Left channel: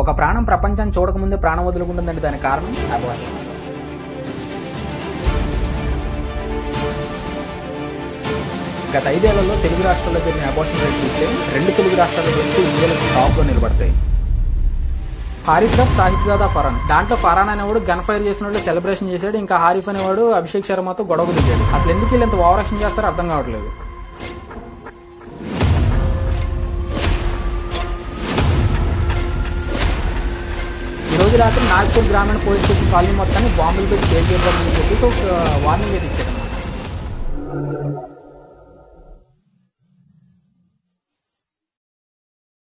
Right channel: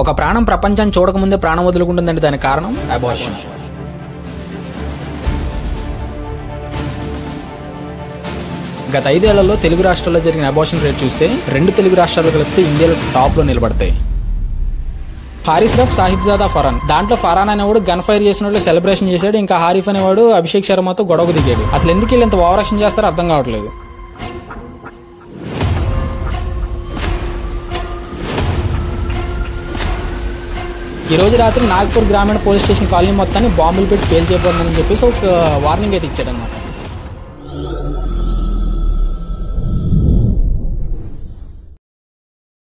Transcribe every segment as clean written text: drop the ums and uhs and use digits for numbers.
ఒక ప్రాణం ప్రపంచాన్ని చూడకముందే ప్రాణం వదులుకుంటుందంటే దానికి కారణం అబార్షన్. గత 5 ఏళ్లలో తెలుగు రాష్ట్రాల్లో జరిగిన అబార్షన్ రేట్ చూస్తే 2 తెలుగు రాష్ట్రాలు కలిపితే ఇండియాలో టాప్ లో నిలబడతాయి. Harris rough, Sahibzada Farhan. దాంట్లో ఫరాన్ అనేవాడు గన్ ఫైర్ చేసినట్లు సెలబ్రేషన్ చేశాడు. ఇంకా హారిఫ్ అనేవాడు అభిషేక్ శర్మతో గొడవకు దిగాడు. అసలు ఎందుకు వీళ్ళు ఇంత ఓవర్ యాక్షన్ చేస్తారో అర్థం కావట్లేదు. ఈ రోజు రాత్రి నాగపూర్ గ్రామీణ పోలీస్ స్టేషన్ కాలనీ మొత్తాన్ని బాంబులు పెట్టి పేల్చేయబోతుందని చెప్పేసి ఒక వార్నింగ్ అయితే ఇచ్చారన్నమాట.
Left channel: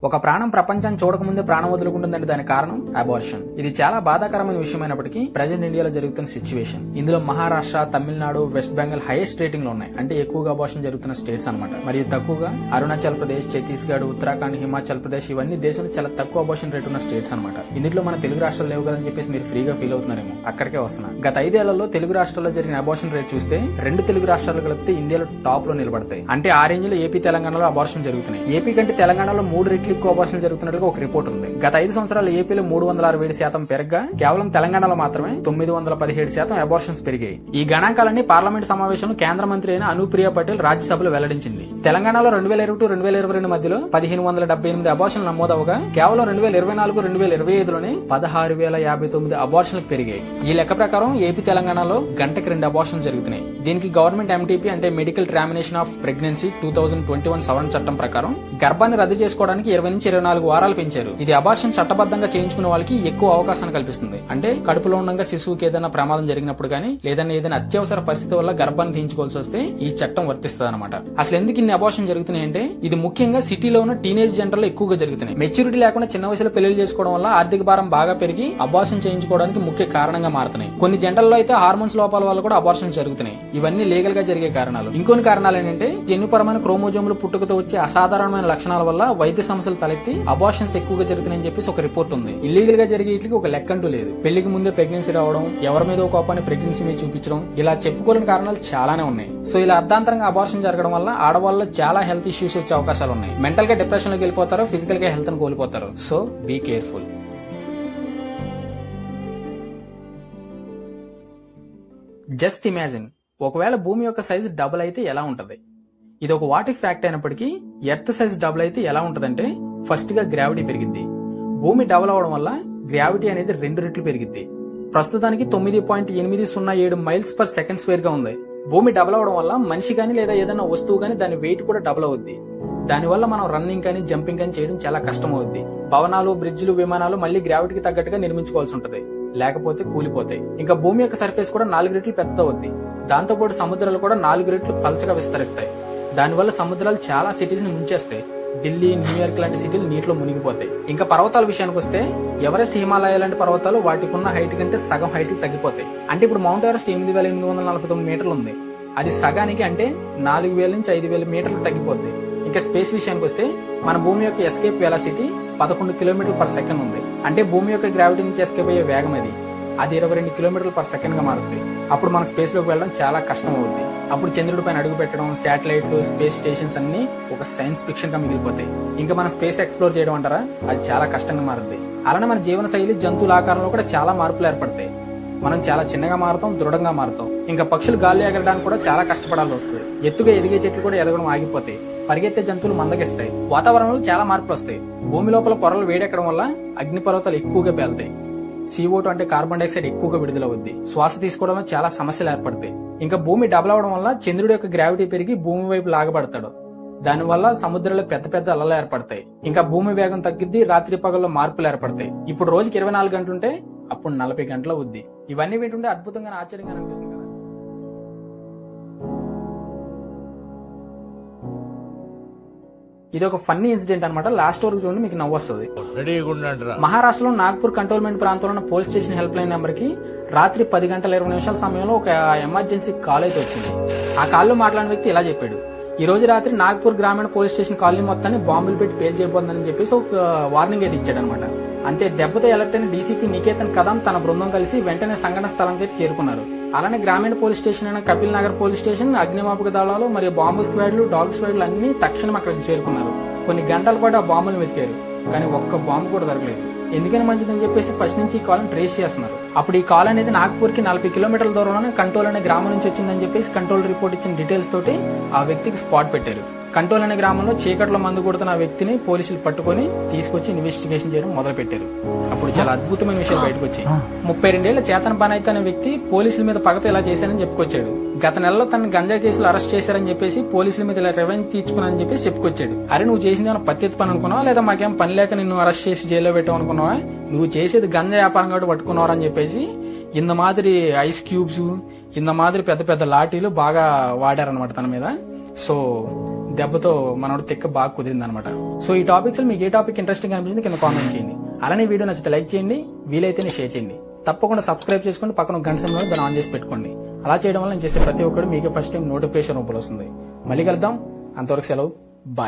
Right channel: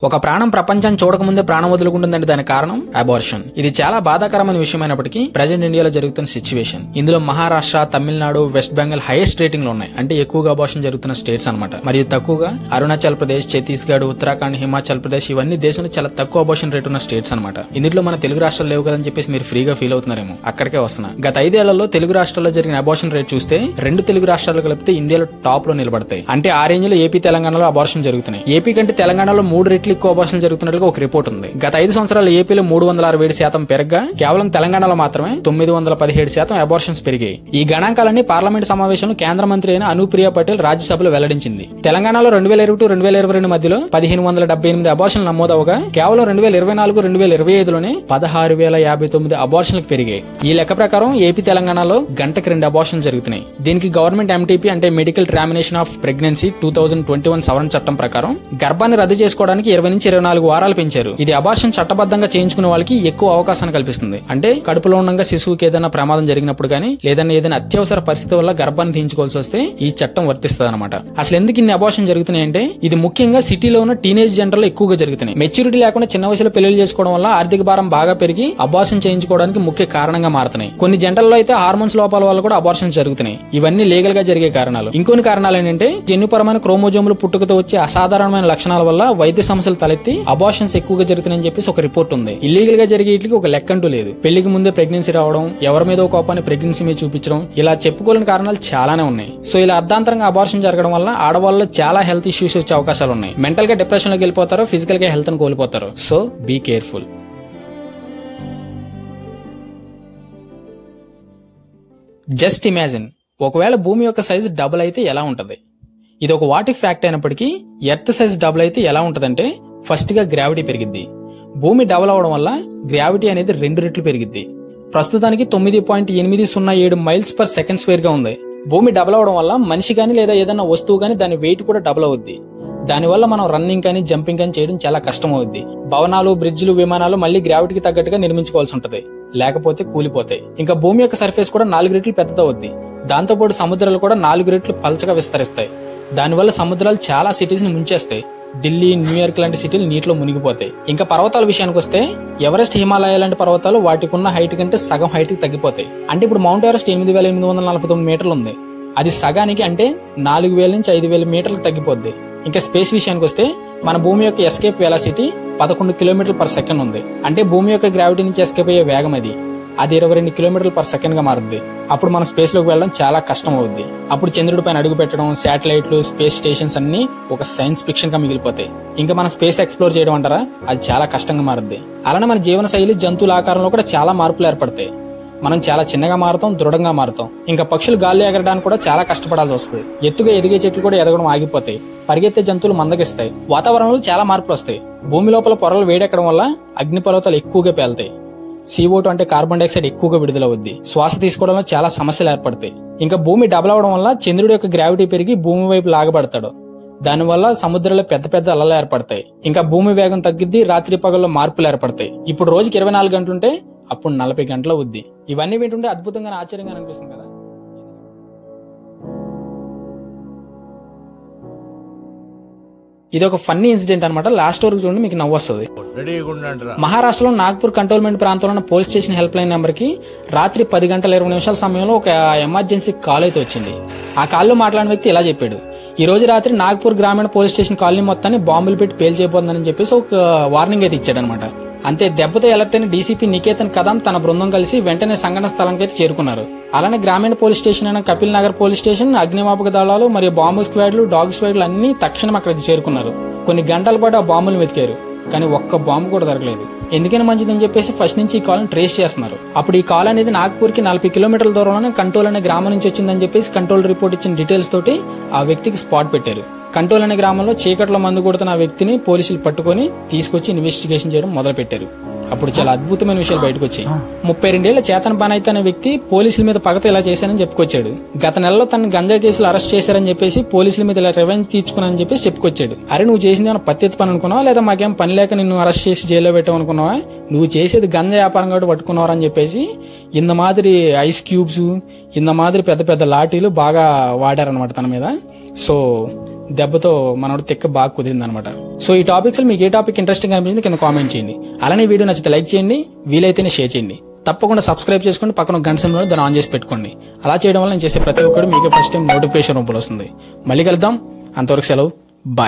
ఒక ప్రాణం ప్రపంచాన్ని చూడకముందే ప్రాణం వదులుకుంటుందంటే దానికి కారణం అబార్షన్. ఇది చాలా బాధాకరమైన విషయమైనప్పటికీ ప్రజెంట్ ఇండియాలో జరుగుతున్న సిచ్యువేషన్. ఇందులో Maharashtra, Tamil Nadu, west Bengal highest rating లో ఉన్నాయి. అంటే ఎక్కువగా అబార్షన్ జరుగుతున్న స్టేట్స్ అనమాట. మరియు తక్కువగా అరుణాచల్ ప్రదేశ్, ఛత్తీస్గఢ్, ఉత్తరాఖండ్, హిమాచల్ ప్రదేశ్ ఇవన్నీ దేశంలో చాలా తక్కువ అబార్షన్ రేట్ ఉన్న స్టేట్స్ అనమాట. ఇందులో మన తెలుగు రాష్ట్రాలు లేవు కదని చెప్పేసి మీరు ఫ్రీగా ఫీల్ అవుతున్నారేమో, అక్కడికే వస్తున్నా. గత 5 ఏళ్లలో తెలుగు రాష్ట్రాల్లో జరిగిన అబార్షన్ రేట్ చూస్తే 2 తెలుగు రాష్ట్రాలు కలిపితే ఇండియాలో టాప్ లో నిలబడతాయి. అంటే ఆ రేంజ్ లో ఏపీ, తెలంగాణలో అబార్షన్ జరుగుతున్నాయి. ఏపీ కంటే తెలంగాణలో 3 రెట్లు ఎక్కువ అబార్షన్ జరుగుతున్నట్లుగా ఒక రిపోర్ట్ ఉంది. గత 5 సంవత్సరాలు ఏపీలో 367% పెరగ్గా కేవలం తెలంగాణలో మాత్రమే 917% అబార్షన్స్ పెరిగాయి. ఈ గణాంకాలన్నీ పార్లమెంట్ సమావేశంలో కేంద్ర మంత్రి అయిన అనుప్రియ పటేల్ రాజ్యసభలో వెల్లడించింది. తెలంగాణలో 2021-2022 మధ్యలో 1578 అబార్షన్లు నమోదవగా కేవలం 2024-2025లోనే 16,059 అబార్షన్లకు పెరిగాయి. ఈ లెక్క ప్రకారం ఏపీ, తెలంగాణలో గంటకి 2 అబార్షన్లు జరుగుతున్నాయి. దీనికి గవర్నమెంట్ ఎంటీపీ అంటే మెడికల్ ట్రామినేషన్ ఆఫ్ ప్రెగ్నెన్సీ 2021 సవరణ చట్టం ప్రకారం గర్భాన్ని రద్దు చేసుకోవడానికి 20 నుంచి 24 వారాలు పెంచారు. ఇది అబార్షన్ చట్టబద్ధంగా చేయించుకునే వాళ్ళకి ఎక్కువ అవకాశాన్ని కల్పిస్తుంది. అంటే కడుపులో ఉండగా శిశువుకి ఏదైనా ప్రమాదం జరిగినప్పుడు గానీ లేదన్నా ఏదైనా అత్యవసర పరిస్థితి వల్ల గర్భాన్ని తీయించుకోవాల్సి వస్తే ఈ చట్టం వర్తిస్తుంది అనమాట. అసలు ఎందుకు ఇన్ని అబార్షన్ జరుగుతున్నాయంటే ఇది ముఖ్యంగా సిటీలో ఉన్న టీనేజ్ జెండర్లో ఎక్కువగా జరుగుతున్నాయి. మెచ్యూరిటీ లేకుండా చిన్న వయసులో పెళ్లి చేసుకోవడం వల్ల ఆర్థిక భారం బాగా పెరిగి అబార్షన్ చేయించుకోవడానికి ముఖ్య కారణంగా మారుతున్నాయి. కొన్ని జంటల్లో అయితే హార్మోన్స్ లోపాల వల్ల కూడా అబార్షన్ జరుగుతున్నాయి. ఇవన్నీ లీగల్ గా జరిగే కారణాలు. ఇంకొన్ని కారణాలు ఏంటంటే జన్యుపరమైన క్రోమోజోములు పుట్టుకతో వచ్చే అసాధారణమైన లక్షణాల వల్ల వైద్య సమస్యలు తలెత్తి అబార్షన్స్ ఎక్కువగా జరుగుతున్నాయని చెప్పేసి ఒక రిపోర్ట్ ఉంది. ఇల్లీగల్ గా జరిగే వీటికి ఒక లెక్క అంటూ లేదు. పెళ్లికి ముందే ప్రెగ్నెన్సీ రావడం, ఎవరి మీద కోపాన్ని ప్రెగ్నెన్సీ మీద చూపించడం, ఇలా చెప్పుకోలేని కారణాలు చాలానే ఉన్నాయి. సో ఇలా అర్ధాంతరంగా అబార్షన్ జరగడం వల్ల ఆడవాళ్ళలో చాలా హెల్త్ ఇష్యూస్ వచ్చే అవకాశాలు ఉన్నాయి. మెంటల్ గా డిప్రెషన్ లోకి వెళ్ళిపోతారు, ఫిజికల్ గా హెల్త్ ని కోల్పోతారు. So be careful. Just imagine, ఒకవేళ భూమి యొక్క సైజు డబుల్ అయితే ఎలా ఉంటది? ఇది ఒక వాట్ ఇఫ్ ఫ్యాక్ట్ అయినప్పటికీ ఎర్త్ సైజ్ డబుల్ అయితే ఎలా ఉంటదంటే ఫస్ట్ గా గ్రావిటీ పెరిగిద్ది. భూమి డబుల్ అవడం వల్ల గ్రావిటీ అనేది 2 రెట్లు పెరిగిద్ది. ప్రస్తుతానికి 9.807 మైల్స్ పర్ సెకండ్ స్క్వేర్ గా ఉంది. భూమి డబుల్ అవడం వల్ల మనిషి గానీ లేదా ఏదైనా వస్తువు గానీ దాని వెయిట్ కూడా డబుల్ అవుద్ది. దానివల్ల మనం రన్నింగ్ కానీ జంపింగ్ కానీ చేయడం చాలా కష్టం అవుద్ది. భవనాలు, బ్రిడ్జ్లు, విమానాలు మళ్ళీ గ్రావిటీకి తగ్గట్టుగా నిర్మించుకోవాల్సి ఉంటది, లేకపోతే కూలిపోతాయి. ఇంకా భూమి యొక్క సర్ఫేస్ కూడా 4 రెట్లు పెద్దదవుద్ది. దాంతోపాటు సముద్రాలు కూడా 4 రెట్లు పల్చగా విస్తరిస్తాయి. దానివల్ల సముద్రాలు చాలా సిటీస్ ని ముంచేస్తాయి. ఢిల్లీ, న్యూయార్క్ లాంటి సిటీలు నీటిలో మునిగిపోతాయి. ఇంకా పర్వతాల విషయానికి వస్తే ఎవరెస్ట్, హిమాలయ లాంటి పర్వతాలు వాటికి ఉన్న హైట్ కంటే సగం హైట్ కి తగ్గిపోతాయి. అంటే ఇప్పుడు మౌంట్ ఎవరెస్ట్ 8,849 మీటర్లు ఉంది. అది సగానికి అంటే 4,000 నుంచి 5,000 మీటర్లు తగ్గిపోద్ది. ఇంకా స్పేస్ విషయానికి వస్తే మన భూమి యొక్క ఎస్కేప్ వెలాసిటీ 11 కిలోమీటర్ల పర్ సెకండ్ ఉంది. అంటే భూమి యొక్క గ్రావిటీ నుంచి ఎస్కేప్ అయ్యే వేగం అది 22 కిలోమీటర్ల పర్ సెకండ్ గా మారుద్ది. అప్పుడు మనం స్పేస్ లోకి వెళ్ళడం చాలా కష్టం అవుద్ది. అప్పుడు చంద్రుడి పైన అడుగు పెట్టడం, శాటిలైట్లు, స్పేస్ స్టేషన్స్ అన్ని ఒక సైన్స్ ఫిక్షన్ గా మిగిలిపోతాయి. ఇంకా మనం స్పేస్ ఎక్స్ప్లోర్ చేయడం అంటారా, అది చాలా కష్టంగా మారుద్ది. అలానే మన జీవన శైలి, జంతువుల ఆకారంలో కూడా చాలా మార్పులు ఏర్పడతాయి. మనం చాలా చిన్నగా మారుతాం, దృఢంగా మారుతాం. ఇంకా పక్షులు గాల్లో ఎగరడానికి కూడా చాలా కష్టపడాల్సి వస్తుంది. ఎత్తుగా ఎదిగే చెట్లు కూడా ఎదగడం ఆగిపోతాయి. పరిగెత్తే జంతువులు మందగిస్తాయి. వాతావరణంలో చాలా మార్పులు వస్తాయి. భూమి లోపల పొరలు వేడెక్కడం వల్ల అగ్నిపర్వతాలు ఎక్కువగా పేలుతాయి. CO2 అంటే కార్బన్ డైఆక్సైడ్ ఎక్కువగా విడుదలవుద్ది. శ్వాస తీసుకోవడంలో చాలా సమస్యలు ఏర్పడతాయి. ఇంకా భూమి డబుల్ అవడం వల్ల చంద్రుడి యొక్క గ్రావిటీ పెరిగి భూమి వైపు లాగబడతాడు. దానివల్ల సముద్రంలో పెద్ద పెద్ద అలలు ఏర్పడతాయి. ఇంకా భూమి వేగం తగ్గిద్ది, రాత్రి పగల్లో మార్పులు ఏర్పడతాయి. ఇప్పుడు రోజుకి 24 గంటలుంటే అప్పుడు 40 గంటలు అవుద్ది. ఇవన్నీ వింటుంటే అద్భుతంగా, ఆశ్చర్యంగా అనిపిస్తుంది కదా. ఇది ఒక ఫన్నీ ఇన్సిడెంట్ అనమాట. లాస్ట్ వరకు చూడండి, మీకు నవ్వు వస్తుంది. మహారాష్ట్రలో నాగ్పూర్ కంటోన్మెంట్ ప్రాంతంలో ఉన్న police station help line number కి రాత్రి 10:20 సమయంలో ఒక ఎమర్జెన్సీ కాల్ అయితే వచ్చింది. ఆ కాల్లో మాట్లాడిన వ్యక్తి ఇలా చెప్పాడు: ఈ రోజు రాత్రి నాగ్పూర్ గ్రామీణ పోలీస్ స్టేషన్ కాలనీ మొత్తాన్ని బాంబులు పెట్టి పేల్చేయబోతుందని చెప్పేసి ఒక వార్నింగ్ అయితే ఇచ్చాడు అనమాట. అంతే దెబ్బతో అలర్ట్ అయిన డీసీపీ నికేతన్ కదం తన బృందం కలిసి వెంటనే సంఘటన స్థలానికి అయితే చేరుకున్నారు. అలానే గ్రామీణ పోలీస్ స్టేషన్ అయిన కపిల్ నగర్ పోలీస్ స్టేషన్, అగ్నిమాపక దళాలు మరియు బాంబు స్క్వాడ్లు, డాగ్ స్క్వాడ్లు అన్ని తక్షణం అక్కడికి చేరుకున్నారు. కొన్ని గంటల పాటు ఆ బాంబులు వెతికారు, కానీ ఒక్క బాంబు కూడా దొరకలేదు. ఎందుకని మంచిదని చెప్పేసి ఫస్ట్ నుంచి ఈ కాల్ ట్రేస్ చేస్తున్నారు. అప్పుడు ఈ కాల్ అనేది నాగ్పూర్ కి 40 కిలోమీటర్ల దూరంలోనే కంటోల్ అనే గ్రామం నుంచి వచ్చిందని చెప్పేసి కంట్రోల్ రిపోర్ట్ ఇచ్చిన డీటెయిల్స్ తోటి ఆ వ్యక్తికి స్పాట్ పెట్టారు. కంటోల్ అనే గ్రామంలో చీకట్లో మందు కొడుతున్న ఆ వ్యక్తిని పోలీసులు పట్టుకొని తీసుకొచ్చి ఇన్వెస్టిగేషన్ చేయడం మొదలు పెట్టారు. అప్పుడు చాలా అద్భుతమైన విషయాలు బయటకు వచ్చాయి. 32 ఏళ్ల చేతన్ బానైత్ అనే వ్యక్తి పోలీసుల మీద పగతో ఇలా చేశారని చెప్పుకొచ్చాడు. గత నెలలో తన గంజా కేసులు అరెస్ట్ చేశారని చెప్పేసి పోలీసుల మీద ఇలా రివెంజ్ తీర్చుకున్నానని చెప్పేసి చెప్పుకొచ్చాడు. అరే నువ్వు చేసింది ఏమైనా పత్తి పని అనుకున్నావా, లేదా మాకేం పని లేక నిన్ను అరెస్ట్ చేసి జైల్లో పెట్టామనుకున్నావా, నువ్వు చేసేది గంజా వ్యాపారం కాబట్టి పట్టుకున్నారా అని చెప్పేసి ఇంత మాదిరి ఐస్ క్యూబ్స్, ఇంత మాదిరి పెద్ద పెద్ద లాఠీలు బాగా వాడారనమాట తన మీద. సో దెబ్బతో మనోడు తిక్క బాగా కుదిరింది అనమాట. సో ఈ టాపిక్స్ మీకు ఏ టాపిక్ ఇంట్రెస్టింగ్ అనిపించింది కింద కామెంట్ చేయండి. అలానే వీడియో నచ్చితే లైక్ చేయండి, వీలైతేనే షేర్ చేయండి. తప్పకుండా సబ్స్క్రైబ్ చేసుకోండి, పక్కన గంట సింబల్ దాన్ని ఆన్ చేసి పెట్టుకోండి. అలా చేయడం వల్ల నేను చేసే ప్రతి ఒక్కరు మీకు ఫస్ట్ టైం నోటిఫికేషన్ రూపంలో వస్తుంది. మళ్ళీ కలుద్దాం, అంతవరకు సెలవు, బాయ్.